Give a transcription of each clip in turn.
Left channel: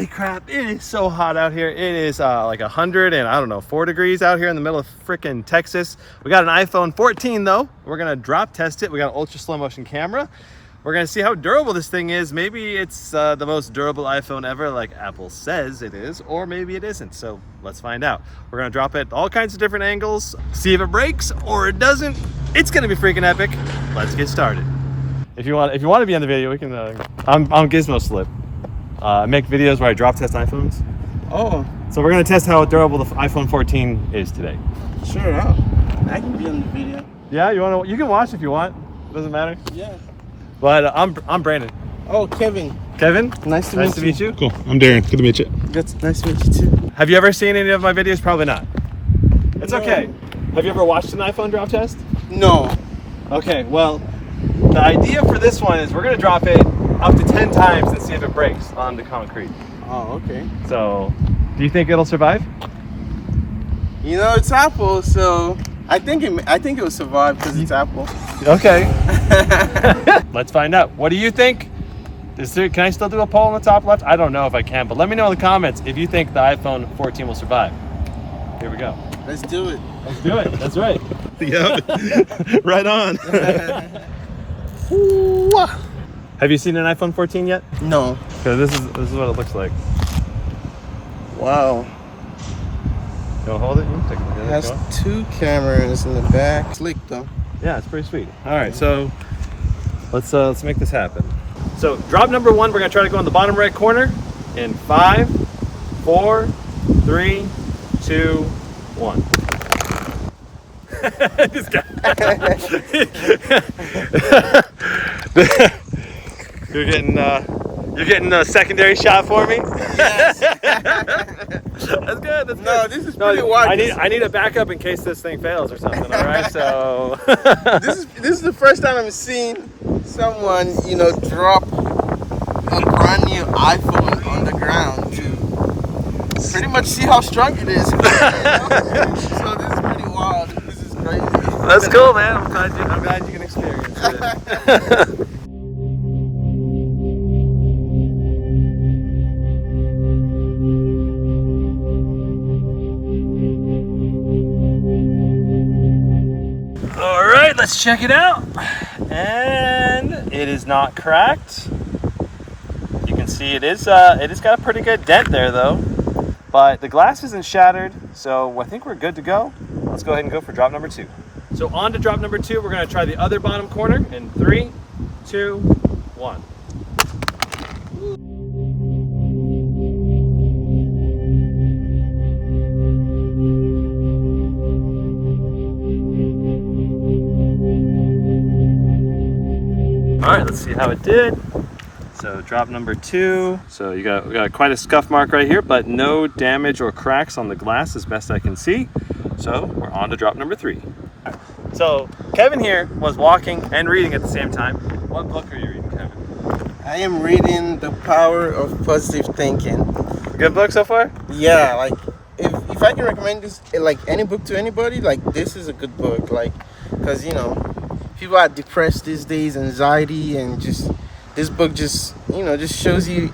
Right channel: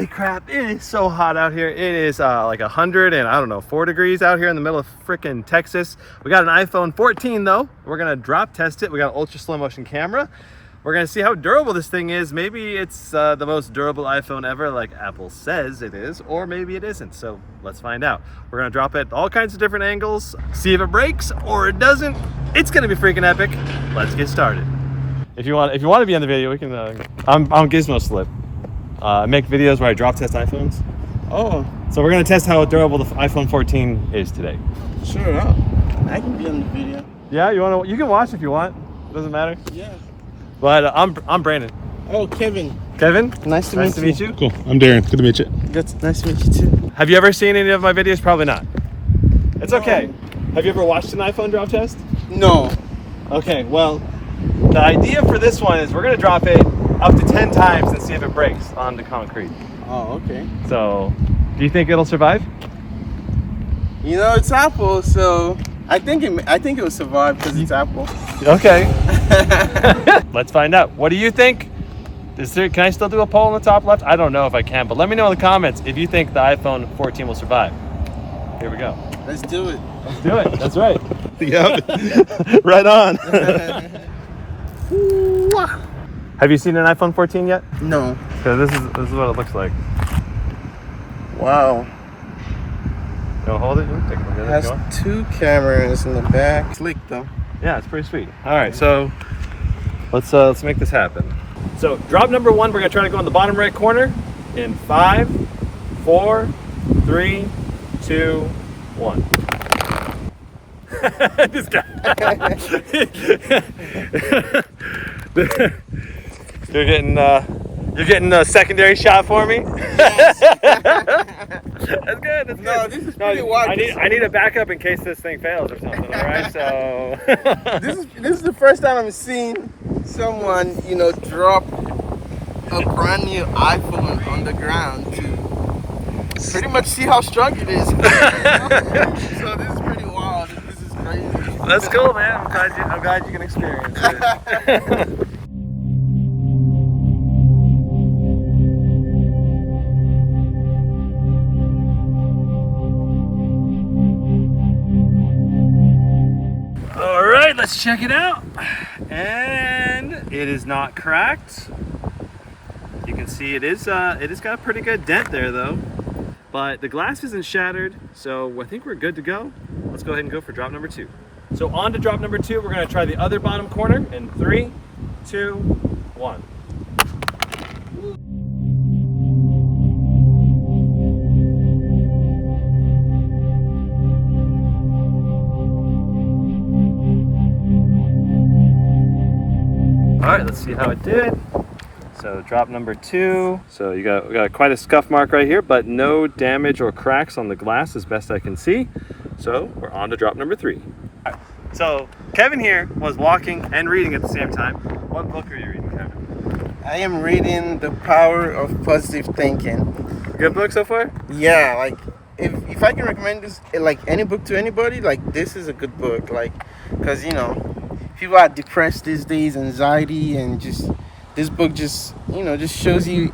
Holy crap, it is so hot out here. It is like 100 and I don't know, 4 degrees out here in the middle of freaking Texas. We got an iPhone 14 though. We're gonna drop test it. We got an ultra slow motion camera. We're gonna see how durable this thing is. Maybe it's the most durable iPhone ever, like Apple says it is, or maybe it isn't. So let's find out. We're gonna drop it at all kinds of different angles, see if it breaks or it doesn't. It's gonna be freaking epic. Let's get started. If you want to be on the video, we can. I'm GizmoSlip. I make videos where I drop test iPhones. Oh, so we're gonna test how durable the iPhone 14 is today. Sure, I can be on the video. Yeah, you can watch if you want. It doesn't matter. Yeah. But I'm Brandon. Oh, Kevin. Kevin? Nice to meet you. Cool. I'm Darren. Good to meet you. Good. Nice to meet you too. Have you ever seen any of my videos? Probably not. It's No. okay. Have you ever watched an iPhone drop test? No. Okay, well, the idea for this one is we're gonna drop it up to 10 times and see if it breaks onto concrete. Oh, okay. So, do you think it'll survive? You know, it's Apple, so I think it will survive because it's Apple. Okay. Let's find out. What do you think? Can I still do a poll in the top left? I don't know if I can, but let me know in the comments if you think the iPhone 14 will survive. Here we go. Let's do it. Let's do it. That's right. Yep. Right on. Have you seen an iPhone 14 yet? No. Because this is what it looks like. Wow. You want to hold it? You can take a look at It it. has 2 cameras in the back. Slick though. Yeah, it's pretty sweet. All right, so let's make this happen. So drop number 1, we're gonna try to go in the bottom right corner in 5, 4, 3, 2, 1. This guy. You're getting a secondary shot for me. Yes. That's good. That's good. No, this is pretty wild. I need a backup in case this thing fails or something. All right, so This is the first time I'm seeing someone, drop a brand new iPhone on the ground to pretty much see how strong it is. So this is pretty wild. This is crazy. That's cool, man. I'm glad you can experience it. All right, let's check it out. And it is not cracked. You can see it is got a pretty good dent there though. But the glass isn't shattered, so I think we're good to go. Let's go ahead and go for drop number 2. So on to drop number 2, we're gonna try the other bottom corner in 3, 2, 1. All right, let's see how it did. So drop number 2. So we got quite a scuff mark right here, but no damage or cracks on the glass as best I can see. So we're on to drop number 3. All right. So Kevin here was walking and reading at the same time. What book are you reading, Kevin? I am reading The Power of Positive Thinking. Good book so far? Yeah, like if I can recommend this, like any book to anybody, like this is a good book, like because people are depressed these days, anxiety, and just this book just shows you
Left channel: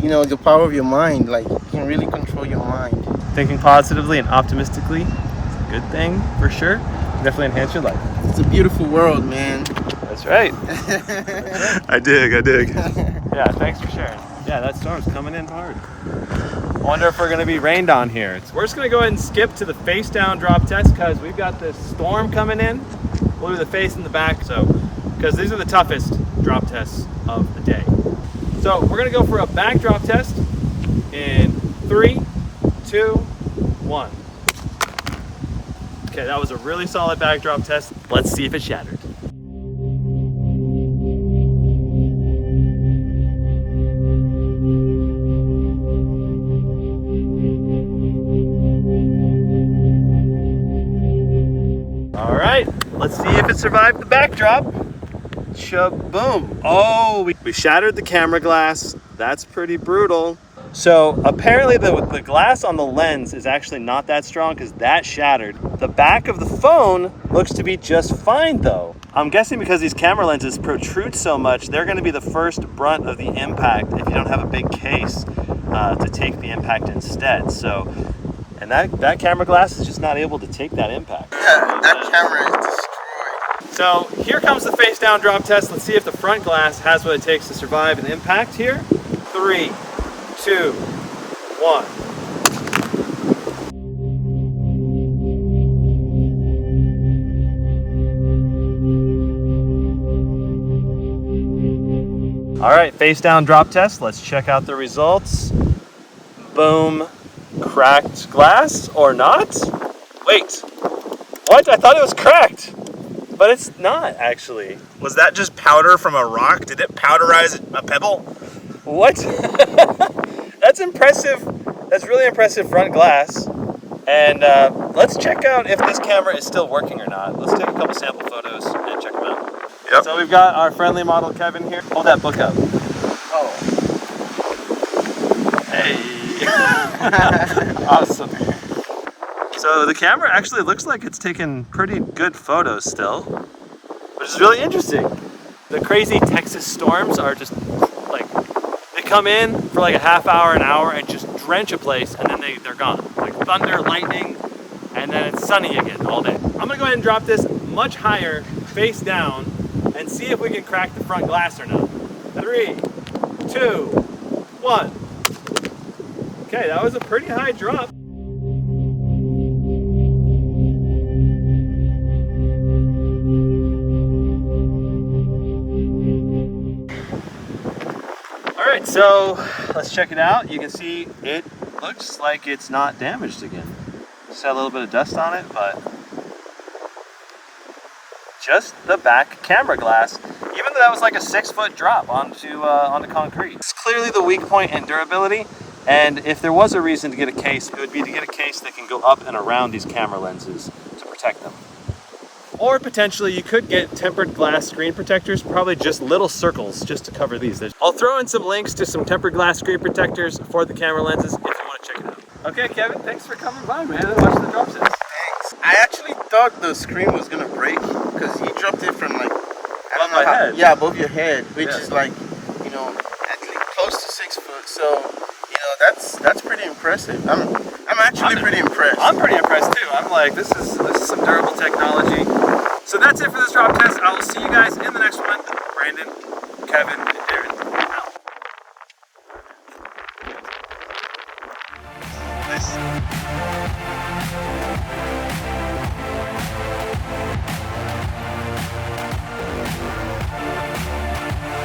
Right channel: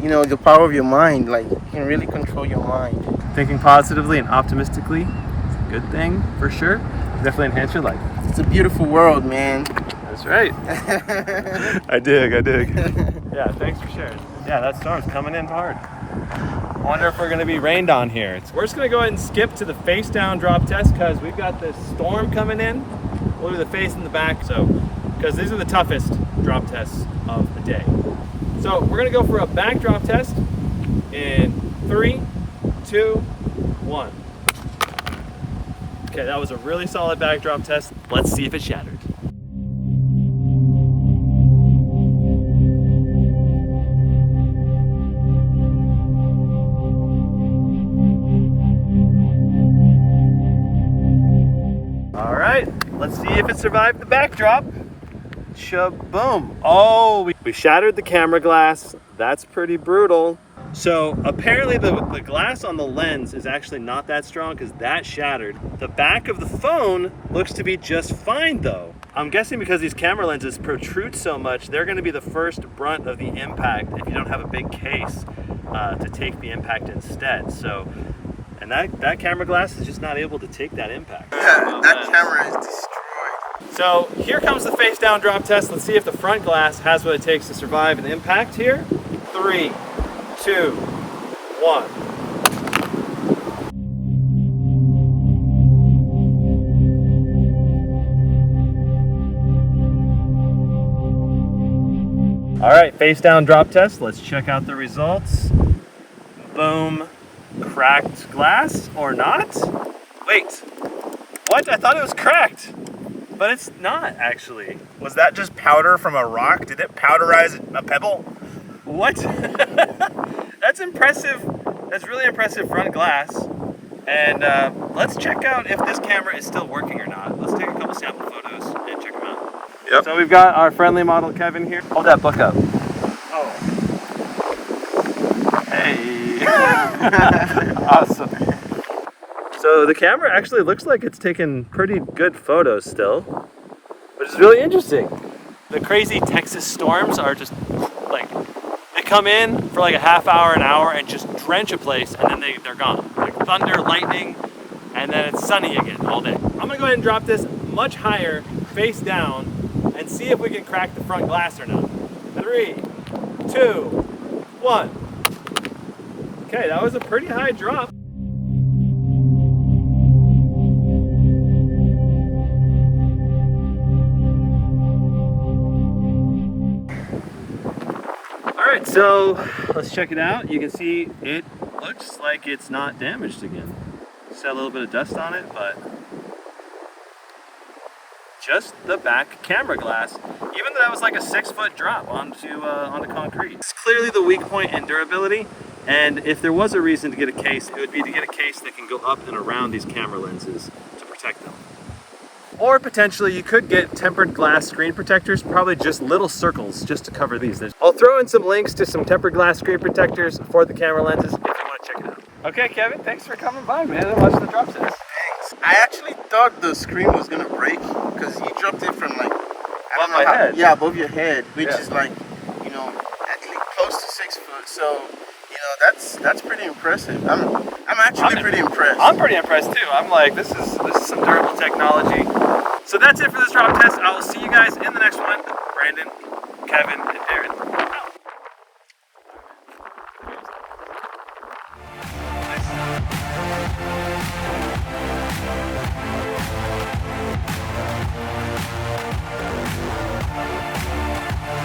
the power of your mind. Like you can really control your mind. Thinking positively and optimistically is a good thing for sure. Definitely enhance your life. It's a beautiful world, man. That's right. I dig. Yeah, thanks for sharing. Yeah, that storm's coming in hard. I wonder if we're gonna be rained on here. We're just gonna go ahead and skip to the face down drop test because we've got this storm coming in. We'll do the face and the back, because these are the toughest drop tests of the day. So we're gonna go for a back drop test in 3, 2, 1. Okay, that was a really solid back drop test. Let's see if it shattered. All right, let's see if it survived the backdrop. Shaboom. Oh, we shattered the camera glass. That's pretty brutal. So apparently the glass on the lens is actually not that strong because that shattered. The back of the phone looks to be just fine though. I'm guessing because these camera lenses protrude so much, they're gonna be the first brunt of the impact if you don't have a big case. to take the impact instead. So, and that camera glass is just not able to take that impact. That camera is destroyed. So here comes the face down drop test. Let's see if the front glass has what it takes to survive an impact here. 3, 2, 1. All right, face down drop test. Let's check out the results. Boom, cracked glass or not? Wait, what? I thought it was cracked, but it's not actually. Was that just powder from a rock? Did it powderize a pebble? What? That's impressive. That's really impressive front glass. And let's check out if this camera is still working or not. Let's take a couple sample photos and check them out. Yep. So we've got our friendly model Kevin here. Hold that book up. Oh. Hey. Awesome. So the camera actually looks like it's taking pretty good photos still, which is really interesting. The crazy Texas storms are just like, they come in for like a half hour, an hour, and just drench a place, and then they're gone. Like thunder, lightning, and then it's sunny again all day. I'm gonna go ahead and drop this much higher, face down, and see if we can crack the front glass or not. 3, 2, 1. Okay, that was a pretty high drop. All right, so let's check it out. You can see it looks like it's not damaged again. Just had a little bit of dust on it, but just the back camera glass, even though that was like a 6-foot drop onto concrete. It's clearly the weak point in durability, and if there was a reason to get a case, it would be to get a case that can go up and around these camera lenses to protect them. Or potentially you could get tempered glass screen protectors, probably just little circles just to cover these. I'll throw in some links to some tempered glass screen protectors for the camera lenses if you want to check it out. Okay, Kevin, thanks for coming by, man, and watching the drop test. Thanks. I actually thought the screen was gonna break because you dropped it from like Above my head. Yeah, above your head, which Yeah. is like, you know, at least close to 6 foot. So, you know, that's pretty impressive. I'm actually pretty impressed. I'm pretty impressed too. I'm like, this is some durable technology. So that's it for this drop test. I will see you guys in the next one. Brandon, Kevin, and Darren out.